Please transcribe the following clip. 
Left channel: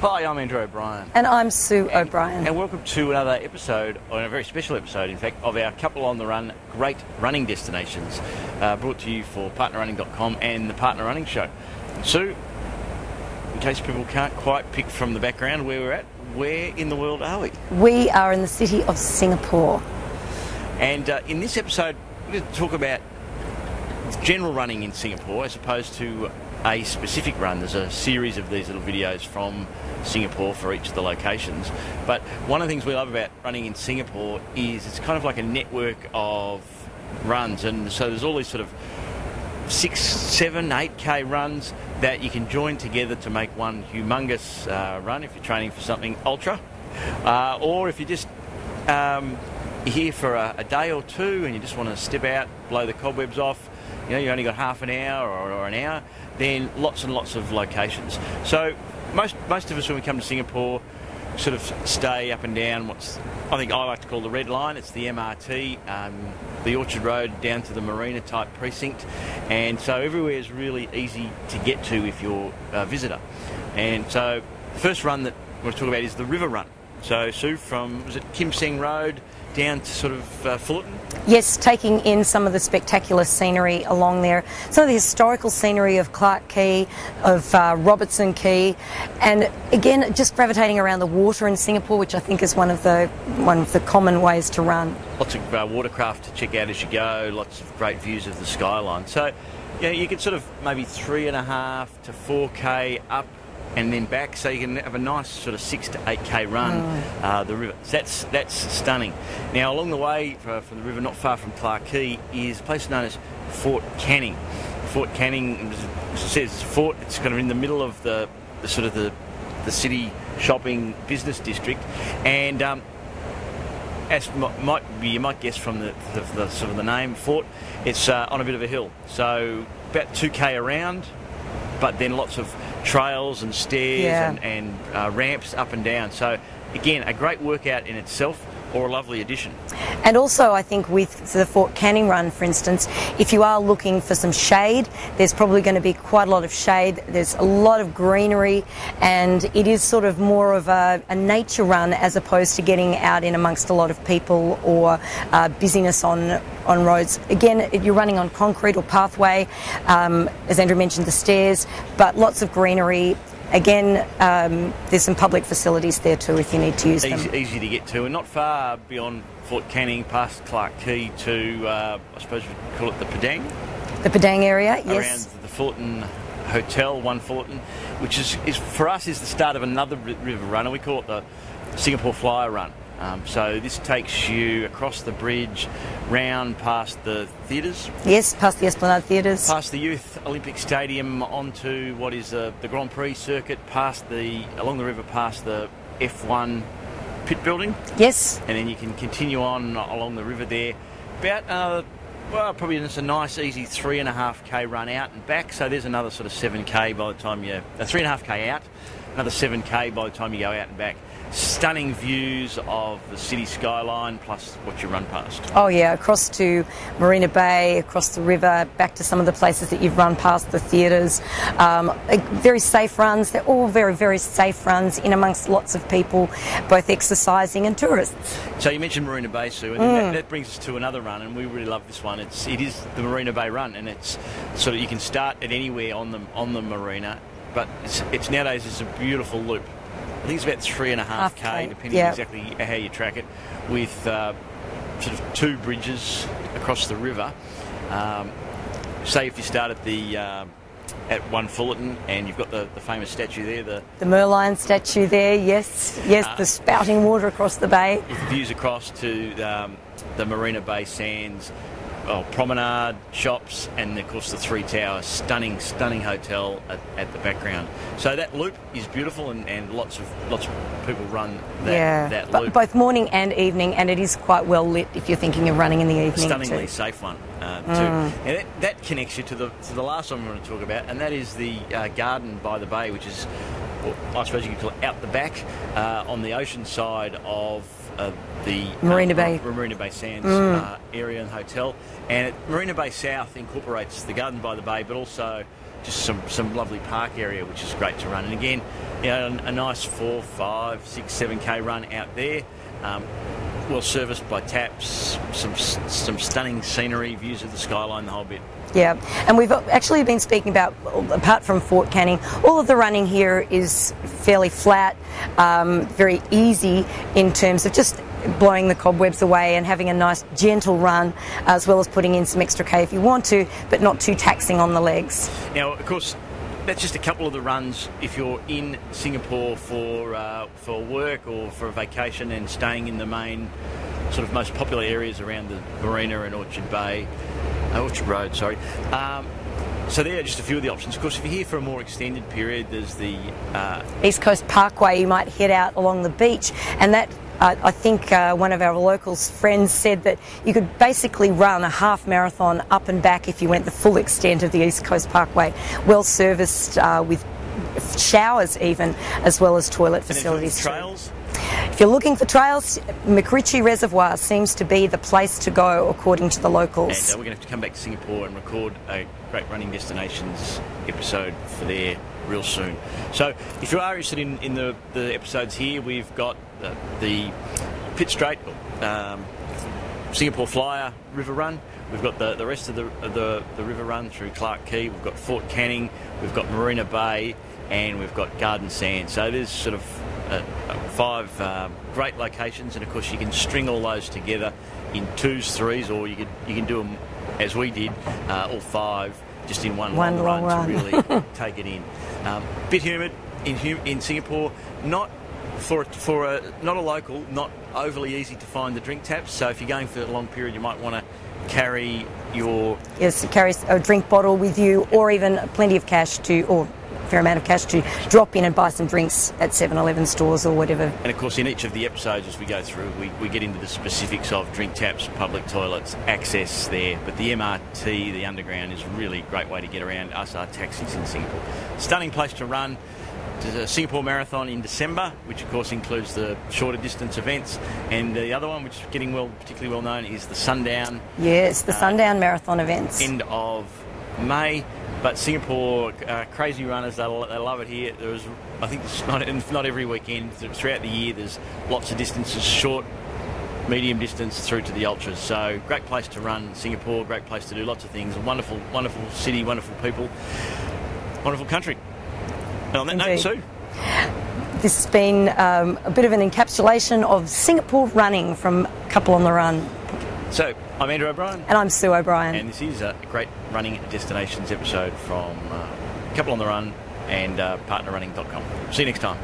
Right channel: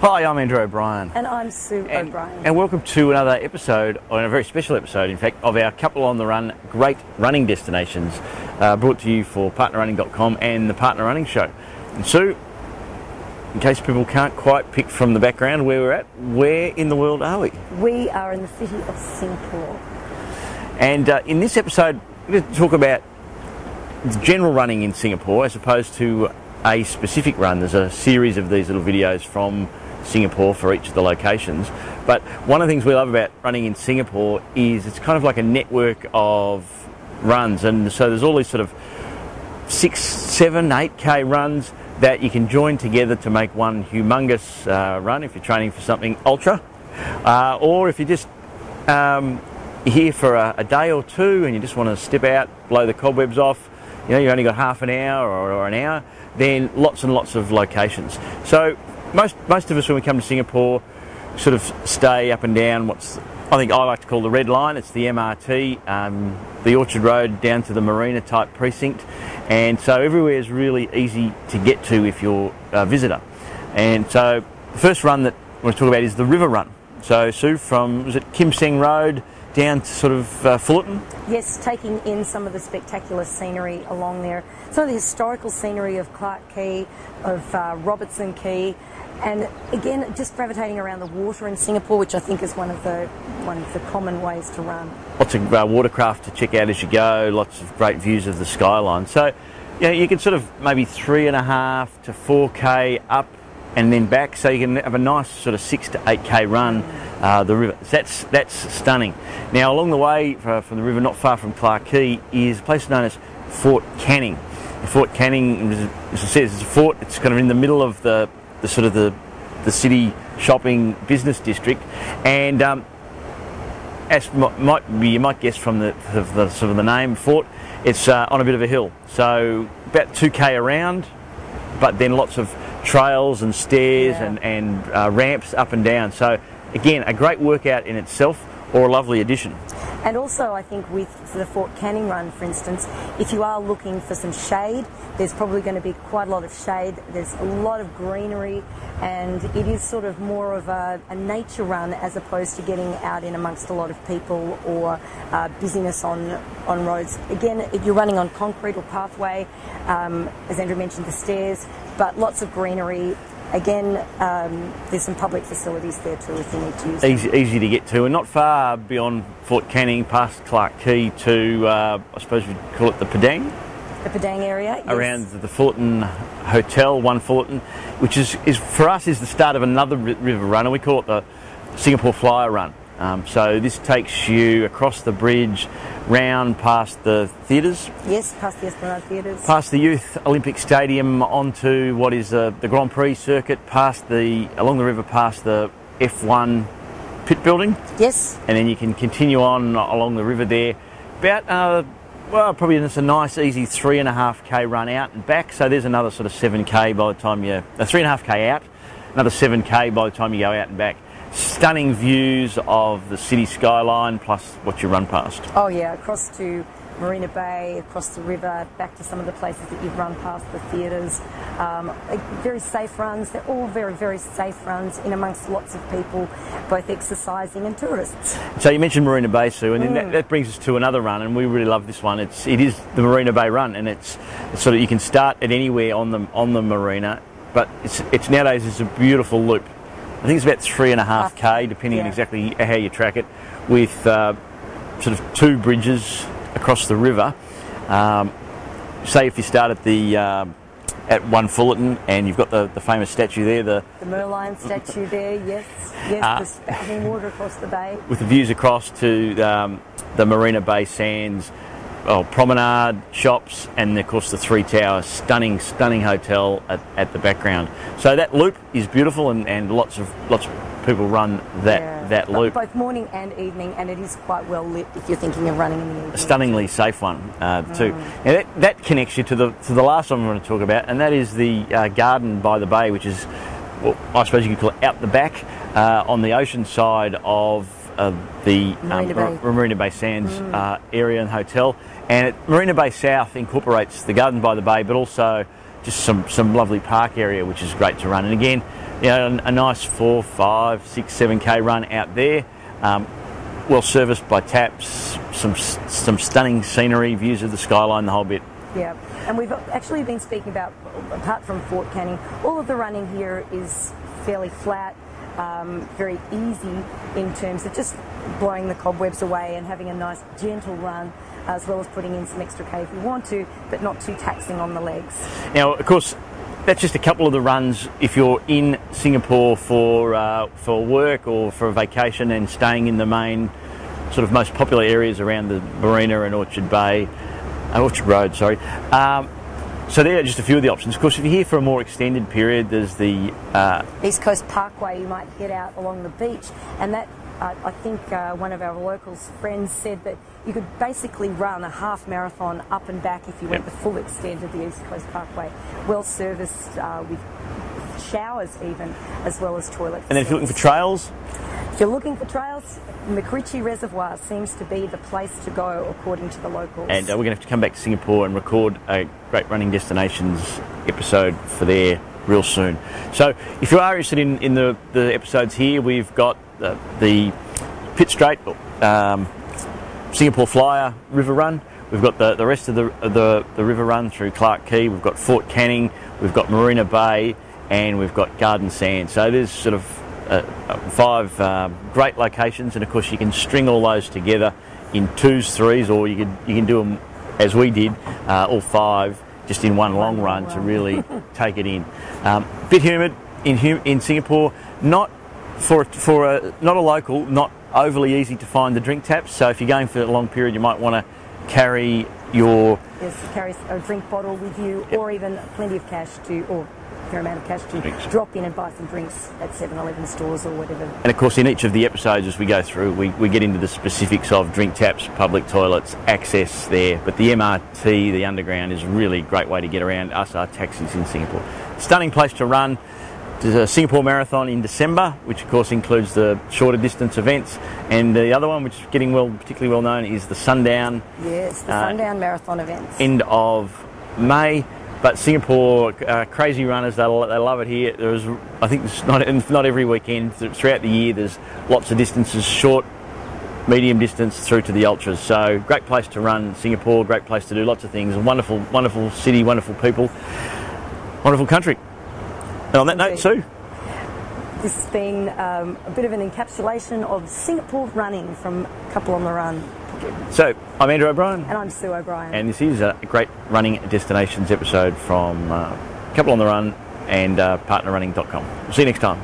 Hi, I'm Andrew O'Brien. And I'm Sue O'Brien. And welcome to another episode, or a very special episode in fact, of our Couple on the Run great running destinations, brought to you for Partnerunning.com and the Partnerunning Show. And Sue, in case people can't quite pick from the background where we're at, where in the world are we? We are in the city of Singapore. And in this episode, we're going to talk about general running in Singapore as opposed to a specific run. There's a series of these little videos from Singapore for each of the locations. But one of the things we love about running in Singapore is it's kind of like a network of runs. And so there's all these sort of 6, 7, 8K runs that you can join together to make one humongous run if you're training for something ultra. Or if you're just here for a day or two and you just want to step out, blow the cobwebs off, you know, you've only got half an hour or an hour, then lots and lots of locations. So most of us when we come to Singapore sort of stay up and down what's I think I like to call the red line. It's the MRT, the Orchard Road down to the Marina type precinct, and so everywhere is really easy to get to if you're a visitor. And so the first run that I want to talk about is the River Run. So Sue, from, was it Kim Seng Road down to sort of Fullerton? Yes, taking in some of the spectacular scenery along there. Some of the historical scenery of Clark Quay, of Robertson Quay, and again, just gravitating around the water in Singapore, which I think is one of the common ways to run. Lots of watercraft to check out as you go, lots of great views of the skyline. So, you know, you can sort of maybe 3.5 to 4K up and then back, so you can have a nice sort of 6 to 8K run the river. That's stunning. Now along the way from the river, not far from Clark Quay, is a place known as Fort Canning. Fort Canning, as it says, is a fort. It's kind of in the middle of the sort of the city shopping business district, and as you might guess from the sort of the name fort, it's on a bit of a hill, so about 2K around, but then lots of trails and stairs and ramps up and down. So again, a great workout in itself, or a lovely addition. And also I think with the Fort Canning run, for instance, if you are looking for some shade, there's probably going to be quite a lot of shade. There's a lot of greenery, and it is sort of more of a nature run as opposed to getting out in amongst a lot of people or busyness on roads. Again, you're running on concrete or pathway, as Andrew mentioned, the stairs, but lots of greenery. Again, there's some public facilities there too if you need to use them. Easy to get to, and not far beyond Fort Canning, past Clark Quay to, I suppose we'd call it the Padang? The Padang area, yes. Around the Fullerton Hotel, One Fullerton, which is for us is the start of another river run, and we call it the Singapore Flyer Run. So this takes you across the bridge, round past the theatres. Yes, past the Esplanade Theatres. Past the Youth Olympic Stadium, onto what is the Grand Prix circuit, along the river past the F1 pit building. Yes. And then you can continue on along the river there. About, well, probably just a nice easy 3.5K run out and back. So there's another sort of 7K by the time 3.5K out, another 7K by the time you go out and back. Stunning views of the city skyline plus what you run past. Oh yeah, across to Marina Bay, across the river, back to some of the places that you've run past, the theatres. Very safe runs. They're all very, very safe runs in amongst lots of people, both exercising and tourists. So you mentioned Marina Bay, Sue, and that brings us to another run, and we really love this one. It is the Marina Bay Run, and it's sort of, you can start at anywhere on the marina, but it's nowadays it's a beautiful loop. I think it's about 3.5K, depending exactly how you track it, with sort of 2 bridges across the river. Say if you start at One Fullerton, and you've got the famous statue there, the Merlion statue there, yes, the spouting water across the bay, with the views across to the Marina Bay Sands. Promenade, shops, and of course the 3 towers. Stunning hotel at the background. So that loop is beautiful, and lots of people run that loop. Both morning and evening, and it is quite well lit if you're thinking of running in the evening. Stunningly safe one too. And that connects you to the last one I'm going to talk about, and that is the garden by the bay, which is, well, I suppose you could call it out the back on the ocean side of the Marina Bay Sands area and hotel. And Marina Bay South incorporates the garden by the bay, but also just some lovely park area, which is great to run. And again, a nice 4, 5, 6, 7K run out there. Well serviced by taps, some stunning scenery, views of the skyline, the whole bit. Yeah, and we've actually been speaking about, apart from Fort Canning, all of the running here is fairly flat, very easy in terms of just blowing the cobwebs away and having a nice gentle run, as well as putting in some extra K if you want to, but not too taxing on the legs. Now, of course, that's just a couple of the runs if you're in Singapore for work or for a vacation and staying in the main sort of most popular areas around the Marina and Orchard Road, sorry. So there are just a few of the options. Of course, if you're here for a more extended period, there's the East Coast Parkway. You might head out along the beach, and that I think one of our locals friends said that you could basically run a half marathon up and back if you went the full extent of the East Coast Parkway, well serviced with showers even, as well as toilet facilities. And then for trails? If you're looking for trails, McRitchie Reservoir seems to be the place to go according to the locals. And we're going to have to come back to Singapore and record a Great Running Destinations episode for there real soon. So if you are interested in the episodes here, we've got the Pitt Strait, Singapore Flyer River Run. We've got the rest of the river run through Clark Quay. We've got Fort Canning. We've got Marina Bay, and we've got Garden Sand. So there's sort of 5 great locations, and of course you can string all those together in 2s, 3s, or you can do them as we did, all 5 just in one long run to really take it in. Bit humid in Singapore, not not a local, not overly easy to find the drink taps. So if you're going for a long period, you might want to carry carry a drink bottle with you, or even plenty of cash or a fair amount of cash to drop in and buy some drinks at 7-Eleven stores or whatever. And of course, in each of the episodes as we go through, we get into the specifics of drink taps, public toilets, access there. But the MRT, the underground, is a really great way to get around us, our taxis in Singapore. Stunning place to run. There's a Singapore Marathon in December, which of course includes the shorter distance events, and the other one, which is getting particularly well known, is the Sundown. Yes, the Sundown Marathon events. End of May. But Singapore, crazy runners, they love it here. I think it's not every weekend. Throughout the year, there's lots of distances, short, medium distance through to the ultras. So great place to run Singapore, great place to do lots of things. Wonderful, wonderful city, wonderful people, wonderful country. And on that note, Sue. This has been a bit of an encapsulation of Singapore running from Couple on the Run. So, I'm Andrew O'Brien. And I'm Sue O'Brien. And this is a Great Running Destinations episode from Couple on the Run and partnerunning.com. See you next time.